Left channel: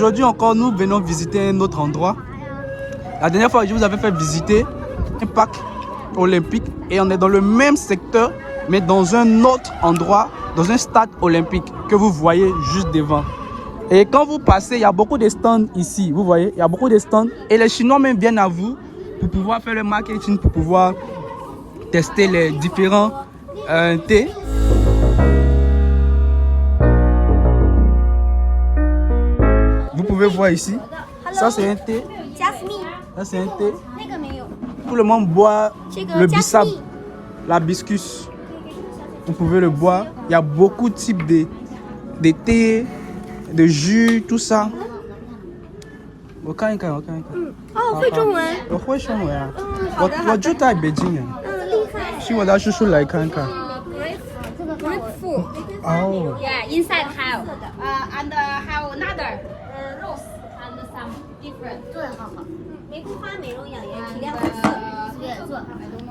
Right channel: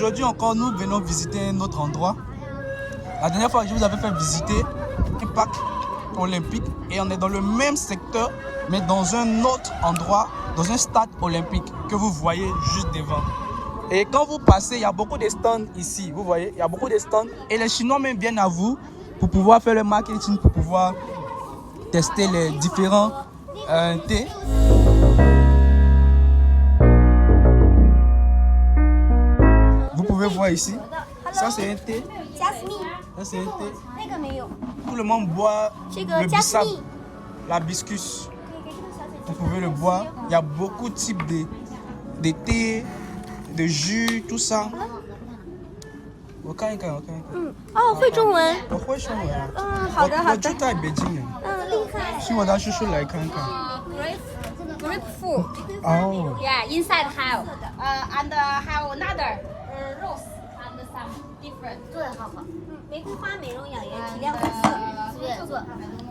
Aujourd'hui encore, nous venons visiter un autre endroit. La dernière fois, je vous avais fait visiter un parc olympique et on est dans le même secteur, mais dans un autre endroit, dans un stade olympique que vous voyez juste devant. Et quand vous passez, il y a beaucoup de stands ici, vous voyez, il y a beaucoup de stands. Et les Chinois même viennent à vous pour pouvoir faire le marketing, pour pouvoir tester les différents thés. Vous pouvez voir ici, ça c'est un thé. Ça c'est un thé. Tout le monde boit le bissap, l'hibiscus. Vous pouvez le boire. Il y a beaucoup de types de thé, de jus, tout ça. 我看一看，我看一看。哦，会中文。我会中文啊。好的，好的。我住在北京啊。厉害。请我的叔叔来看看。Grapefruit. Oh. Yeah, inside have and have another rose and some different. 对，好好。玫瑰花美容养颜，提亮肤色。对，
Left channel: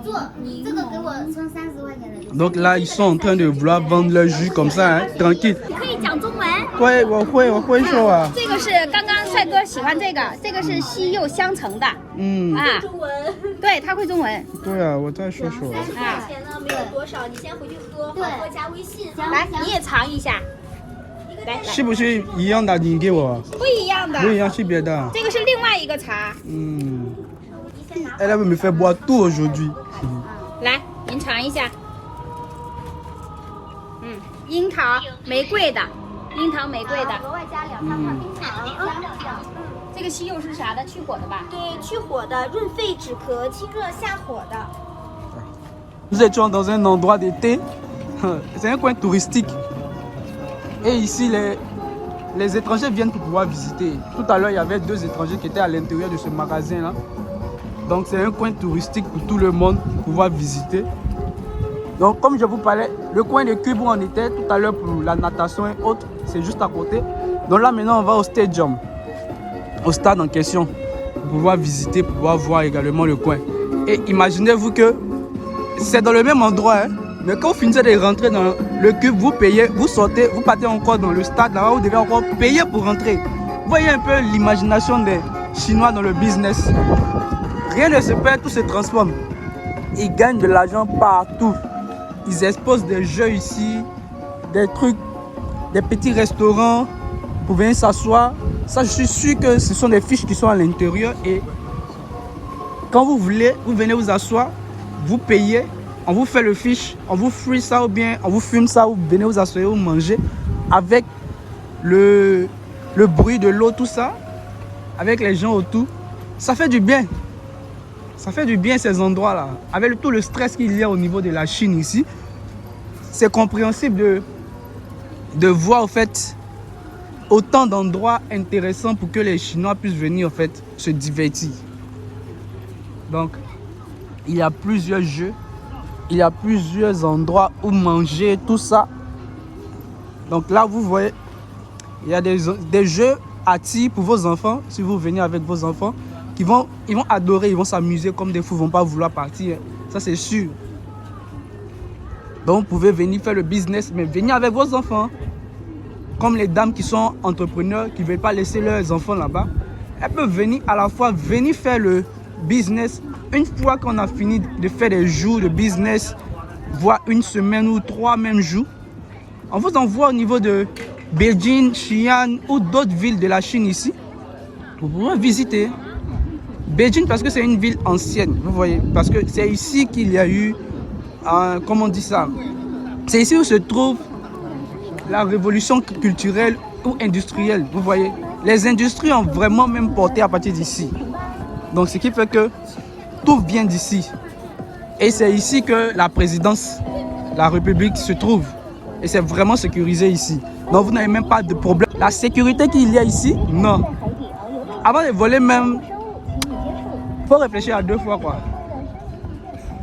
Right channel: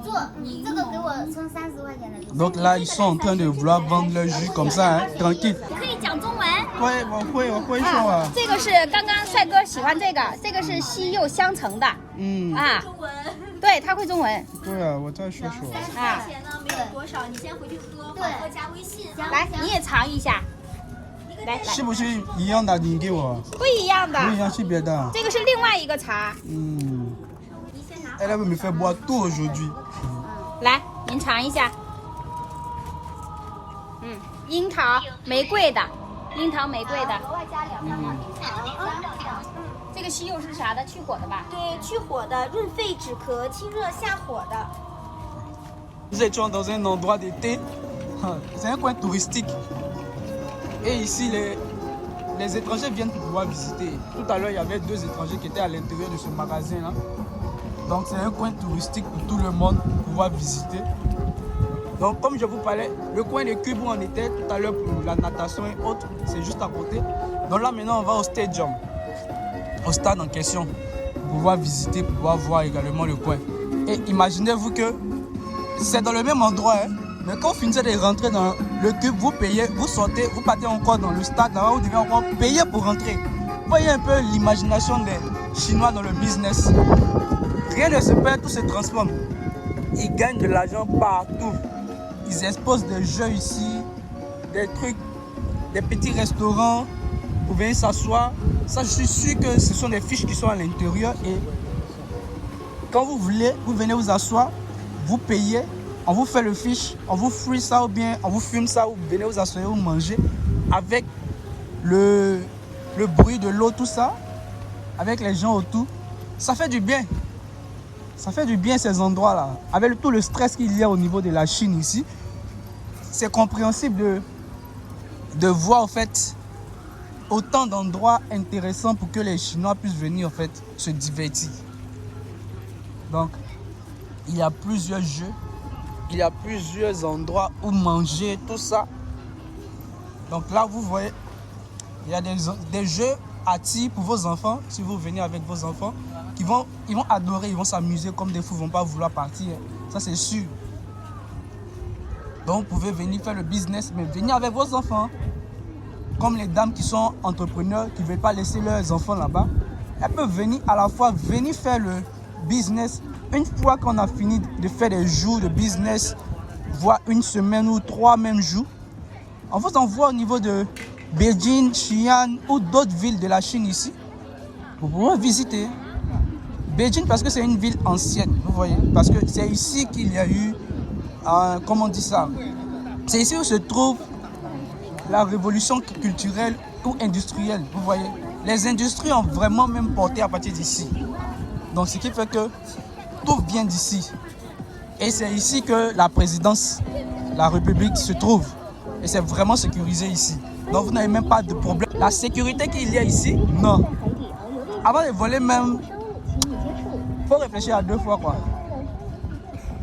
做，你这个给我充30块钱的。Donc là, ils sont en train de vouloir vendre leur jus comme ça, hein, tranquille. 可以讲中文。会，我会说啊。这个是刚刚帅哥喜欢这个，这个是西柚香橙的。嗯。啊。中文。对，他会中文。对啊，我再说说。30块钱呢，没有多少，你先回去喝，对，加微信。来，你也尝一下。来，是不是一样的？你给我。不一样的。不一样是别的。这个是另外一个茶。嗯。Elle veut me faire boire tout aujourd'hui. 来，您尝一下。樱桃玫瑰的，樱桃玫瑰的。额外加2块冰糖。这个西柚是啥的？去火的吧？对，去火的，润肺止咳、清热下火的。Nous étions dans un endroit d'été. C'est un coin touristique. Et ici, les étrangers viennent pour pouvoir visiter. Tout à l'heure, il y avait 2 étrangers qui étaient à l'intérieur de ce magasin-là. Donc, c'est un coin touristique pour tout le monde pour pouvoir visiter. Donc, comme je vous parlais, le coin de Cube où on était tout à l'heure pour la natation et autres, c'est juste à côté. Donc là, maintenant, on va au stadium, au stade en question, pour pouvoir visiter, pour pouvoir voir également le coin. Et imaginez-vous que c'est dans le même endroit, hein, mais quand vous finissez de rentrer dans le Cube, vous payez, vous sortez, vous partez encore dans le stade, là-bas, vous devez encore payer pour rentrer. Vous voyez un peu l'imagination des Chinois dans le business. Rien ne se perd, tout se transforme. Ils gagnent de l'argent partout. Ils exposent des jeux ici, des trucs, des petits restaurants pour venir s'asseoir. Ça, je suis sûr que ce sont des fiches qui sont à l'intérieur. Et quand vous voulez, vous venez vous asseoir, vous payez, on vous fait le fiche, on vous free ça ou bien on vous fume ça, vous venez vous asseoir, vous mangez avec le bruit de l'eau, tout ça, avec les gens autour. Ça fait du bien. Ça fait du bien ces endroits-là. Avec tout le stress qu'il y a au niveau de la Chine ici, c'est compréhensible de voir en fait autant d'endroits intéressants pour que les Chinois puissent venir en fait se divertir. Donc, il y a plusieurs jeux, il y a plusieurs endroits où manger, tout ça. Donc là, vous voyez, il y a des jeux attirants pour vos enfants, si vous venez avec vos enfants. Ils vont adorer, ils vont s'amuser comme des fous, ils ne vont pas vouloir partir. Ça, c'est sûr. Donc, vous pouvez venir faire le business, mais venez avec vos enfants. Comme les dames qui sont entrepreneurs, qui ne veulent pas laisser leurs enfants là-bas. Elles peuvent venir à la fois, venir faire le business. Une fois qu'on a fini de faire des jours de business, voire une semaine ou 3 mêmes jours, on vous envoie au niveau de Beijing, Xi'an ou d'autres villes de la Chine ici, pour pouvoir visiter. Beijing parce que c'est une ville ancienne, vous voyez, parce que c'est ici qu'il y a eu, comment on dit ça, c'est ici où se trouve la révolution culturelle ou industrielle, vous voyez. Les industries ont vraiment même porté à partir d'ici. Donc ce qui fait que tout vient d'ici. Et c'est ici que la présidence, la République se trouve. Et c'est vraiment sécurisé ici. Donc vous n'avez même pas de problème. La sécurité qu'il y a ici, non. Avant de voler même, faut réfléchir à 2 fois quoi.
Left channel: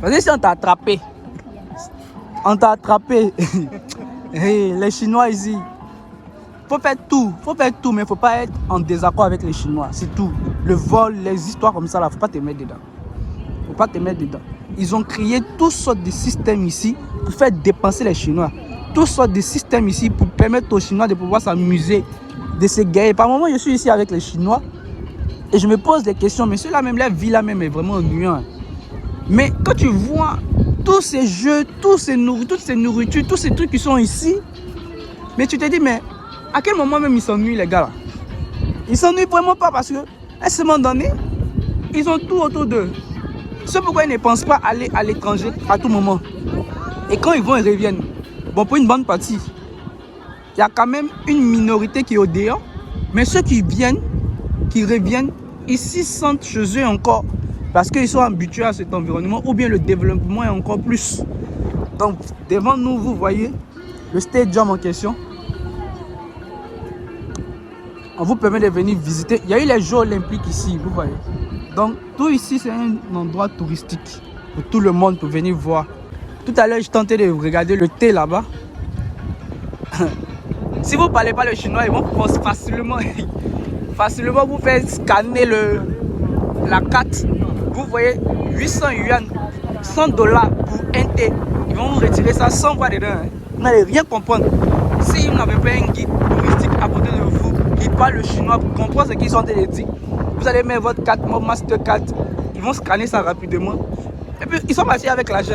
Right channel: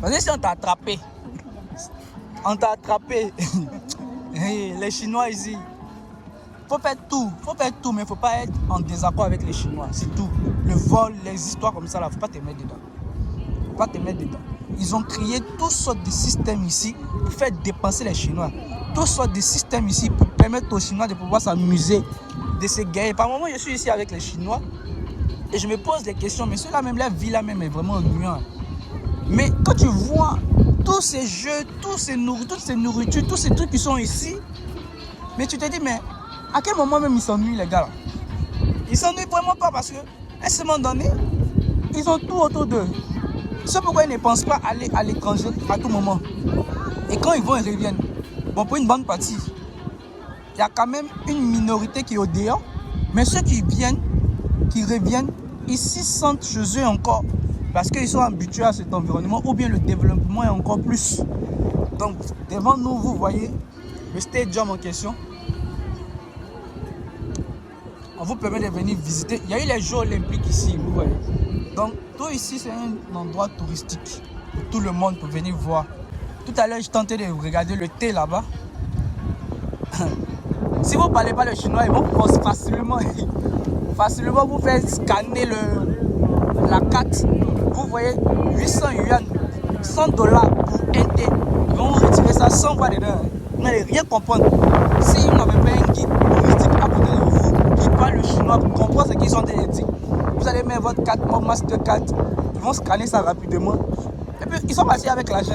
Parce que si on t'a attrapé, les Chinois ici, faut faire tout, mais il ne faut pas être en désaccord avec les Chinois, c'est tout. Le vol, les histoires comme ça, il ne faut pas te mettre dedans. Ils ont créé toutes sortes de systèmes ici pour faire dépenser les Chinois. Toutes sortes de systèmes ici pour permettre aux Chinois de pouvoir s'amuser de ces guerres. Par moment, je suis ici avec les Chinois et je me pose des questions. Mais ceux-là même, la vie là même est vraiment ennuyante. Mais quand tu vois tous ces jeux, toutes ces nourritures, tous ces trucs qui sont ici, mais tu te dis, mais à quel moment même ils s'ennuient les gars là? Ils s'ennuient vraiment pas parce qu'à un moment donné, ils ont tout autour d'eux. C'est pourquoi ils ne pensent pas aller à l'étranger à tout moment. Et quand ils vont, ils reviennent. Bon, pour une bonne partie, il y a quand même une minorité qui est au dehors. Mais ceux qui viennent, qui reviennent, ici sentent chez eux encore. Parce qu'ils sont habitués à cet environnement ou bien le développement est encore plus. Donc, devant nous, vous voyez le stadium en question. On vous permet de venir visiter. Il y a eu les Jeux Olympiques ici, vous voyez. Donc, tout ici, c'est un endroit touristique où tout le monde peut venir voir. Tout à l'heure, je tentais de regarder le thé là-bas. Si vous ne parlez pas le chinois, ils vont facilement vous faire scanner la carte. Vous voyez, 800 yuan, 100 $ pour un thé. Ils vont vous retirer ça sans voir dedans. Vous n'allez rien comprendre. Si vous n'avez pas un guide touristique à côté de vous qui parle le chinois pour comprendre ce qu'ils sont en train de dire, vous allez mettre votre carte, mon Mastercard. Ils vont scanner ça rapidement. Et puis, ils sont partis avec l'argent.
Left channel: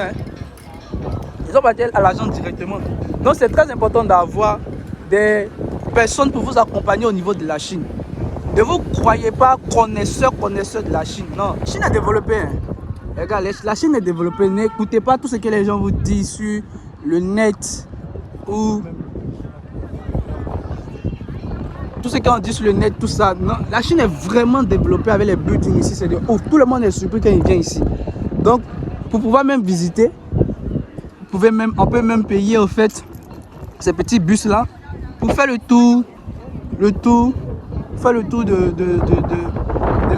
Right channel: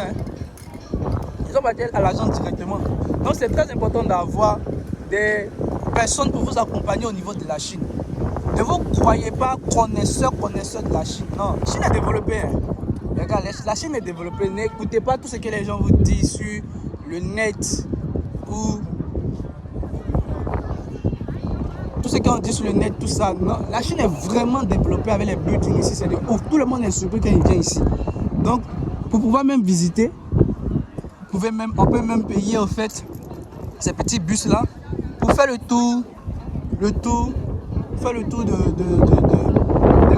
Ils sont partis à l'argent directement. Donc, c'est très important d'avoir des personnes pour vous accompagner au niveau de la Chine. Ne vous croyez pas connaisseur de la Chine. Non, la Chine est développée. Les gars, la Chine est développée. N'écoutez pas tout ce que les gens vous disent sur le net ou tout ce qu'on dit sur le net, tout ça. Non, la Chine est vraiment développée avec les buildings ici. C'est de ouf. Tout le monde est surpris quand il vient ici. Donc, pour pouvoir même visiter, on peut même payer au fait ces petits bus là pour faire le tour de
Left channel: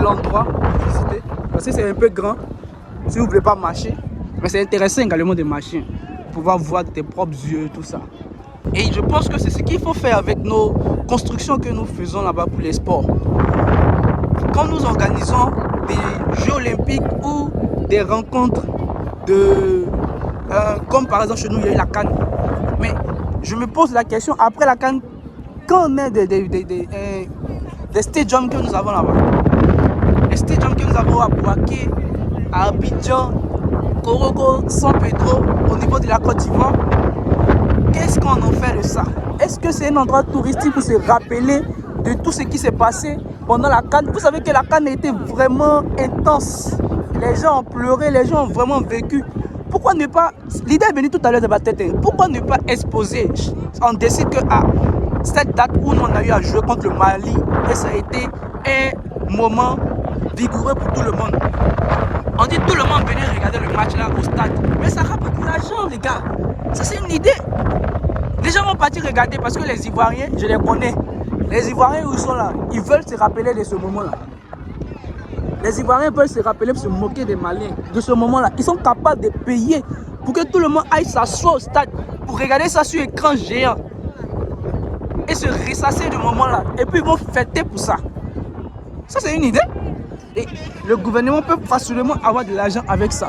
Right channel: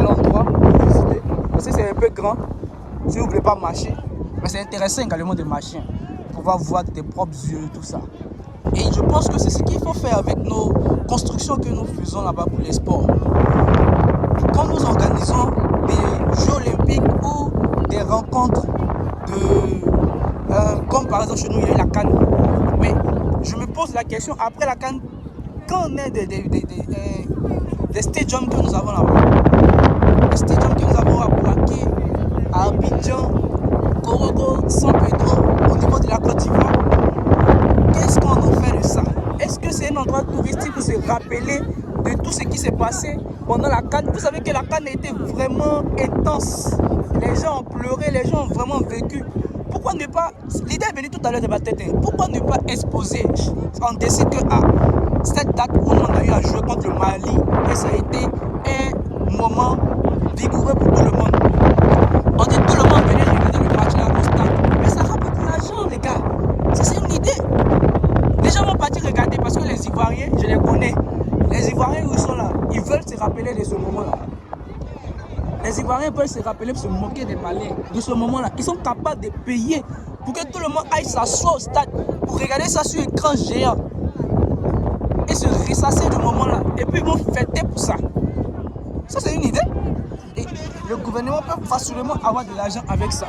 l'endroit. Parce que c'est un peu grand si vous ne voulez pas marcher. Mais c'est intéressant également de marcher pour pouvoir voir de tes propres yeux, tout ça. Et je pense que c'est ce qu'il faut faire avec nos constructions que nous faisons là-bas pour les sports. Quand nous organisons des Jeux Olympiques ou des rencontres comme par exemple chez nous, il y a eu la CAN. Mais je me pose la question, après la CAN, quand on est des stadiums que nous avons là-bas, les stadiums que nous avons à Bouaké, à Abidjan, Korogo, San Pedro, au niveau de la Côte d'Ivoire, qu'est-ce qu'on en fait de ça? Est-ce que c'est un endroit touristique pour se rappeler de tout ce qui s'est passé pendant la CAN? Vous savez que la CAN a été vraiment intense. Les gens ont pleuré, les gens ont vraiment vécu. Pourquoi ne pas... L'idée est venue tout à l'heure de ma tête. Pourquoi ne pas exposer? On décide que cette date où on a eu à jouer contre le Mali, et ça a été un moment vigoureux pour tout le monde. On dit tout le monde venir regarder le match là au stade. Mais ça a beaucoup d'argent, les gars. Ça, c'est une idée. Les gens vont partir regarder parce que les Ivoiriens, je les connais. Les Ivoiriens où ils sont là, ils veulent se rappeler de ce moment-là. Les Ivoiriens peuvent se rappeler pour se moquer des Maliens de ce moment-là. Ils sont capables de payer pour que tout le monde aille s'asseoir au stade pour regarder ça sur écran géant et se ressasser du moment-là. Et puis ils vont fêter pour ça. Ça, c'est une idée. Et le gouvernement peut facilement avoir de l'argent avec ça.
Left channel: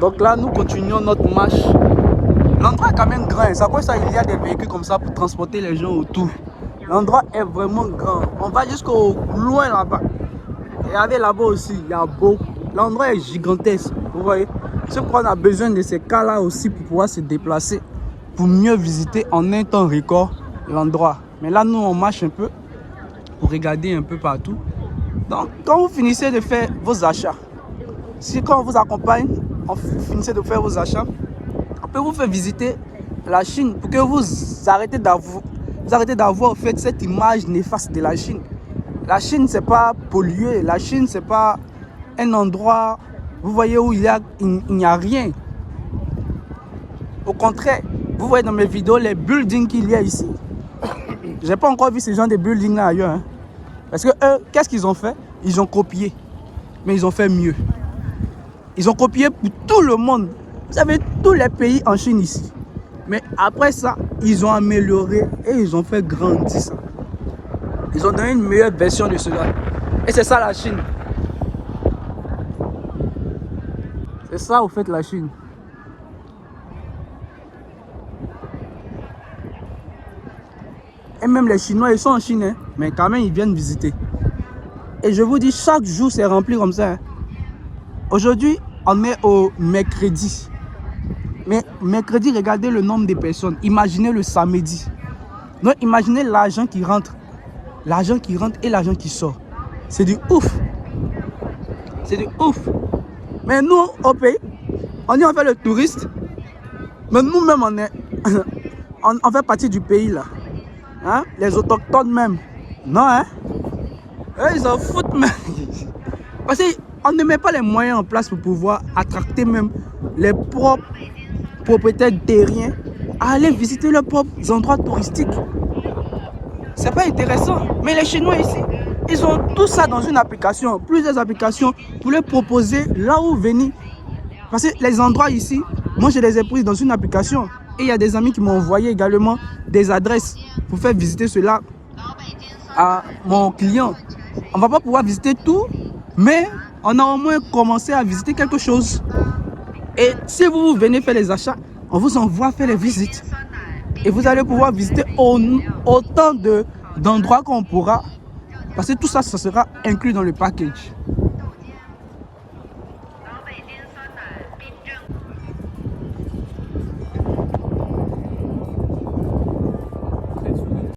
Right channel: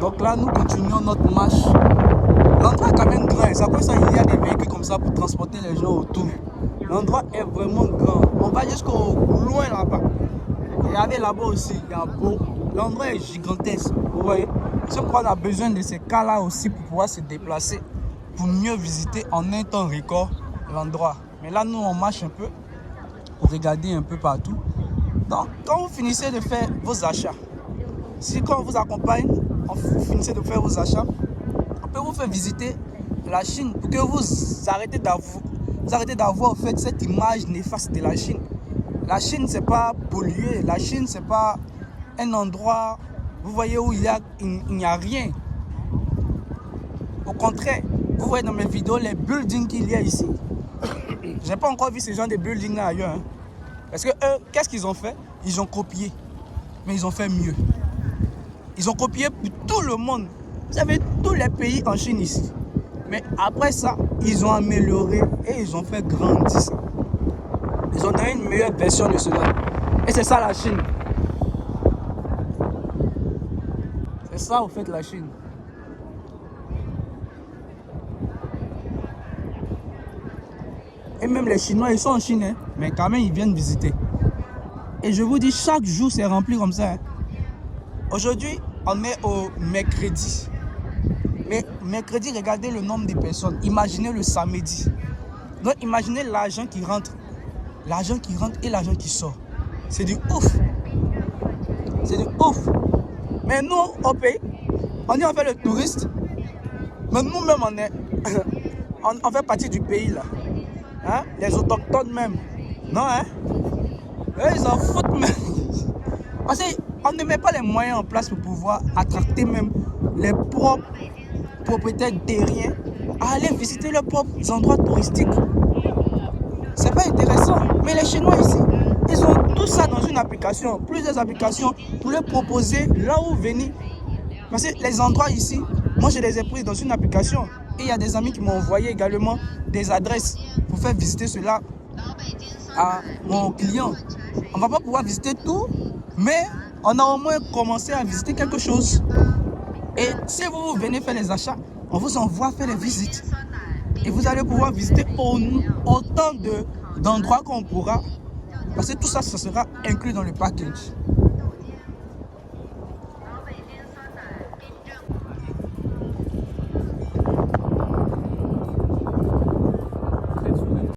Donc là, nous continuons notre marche. L'endroit est quand même grand. C'est pour ça qu'il y a des véhicules comme ça pour transporter les gens autour. L'endroit est vraiment grand. On va jusqu'au loin là-bas. Regardez là-bas aussi, il y a beaucoup. L'endroit est gigantesque. Vous voyez? C'est pourquoi on a besoin de ces cas-là aussi pour pouvoir se déplacer, pour mieux visiter en un temps record l'endroit. Mais là, nous, on marche un peu pour regarder un peu partout. Donc, quand vous finissez de faire vos achats, si quand on vous accompagne, vous finissez de faire vos achats, on peut vous faire visiter la Chine pour que vous arrêtez d'avoir en fait cette image néfaste de la Chine. La Chine, c'est pas pollué. La Chine, c'est pas un endroit, vous voyez, où il n'y a rien. Au contraire, vous voyez dans mes vidéos les buildings qu'il y a ici. J'ai pas encore vu ce genre de buildings là ailleurs. Hein. Parce que eux, qu'est-ce qu'ils ont fait? Ils ont copié. Mais ils ont fait mieux. Ils ont copié pour tout le monde. Vous avez tous les pays en Chine ici. Mais après ça, ils ont amélioré et ils ont fait grandir ça. Ils ont donné une meilleure version de cela. Et c'est ça la Chine. C'est ça au fait la Chine. Et même les Chinois, ils sont en Chine, hein, mais quand même, ils viennent visiter. Et je vous dis, chaque jour, c'est rempli comme ça. Hein. Aujourd'hui, on est au mercredi. Mais mercredi, regardez le nombre de personnes. Imaginez le samedi. Donc, imaginez l'argent qui rentre. L'argent qui rentre et l'argent qui sort. C'est du ouf. C'est du ouf. Mais nous, au pays, on dit on fait le touriste. Mais nous-mêmes, on fait partie du pays là. Hein? Les autochtones même. Non, hein? Eux, ils en foutent même. Parce qu'on ne met pas les moyens en place pour pouvoir attracter même les propres propriétaires terriens à aller visiter leurs propres endroits touristiques. C'est pas intéressant. Mais les Chinois ici, ils ont tout ça dans une application, plusieurs applications pour leur proposer là où venir. Parce que les endroits ici, moi je les ai pris dans une application. Et il y a des amis qui m'ont envoyé également des adresses pour faire visiter cela à mon client. On ne va pas pouvoir visiter tout, mais on a au moins commencé à visiter quelque chose. Et si vous venez faire les achats, on vous envoie faire les visites. Et vous allez pouvoir visiter autant d'endroits qu'on pourra. Parce que tout ça, ça sera inclus dans le package.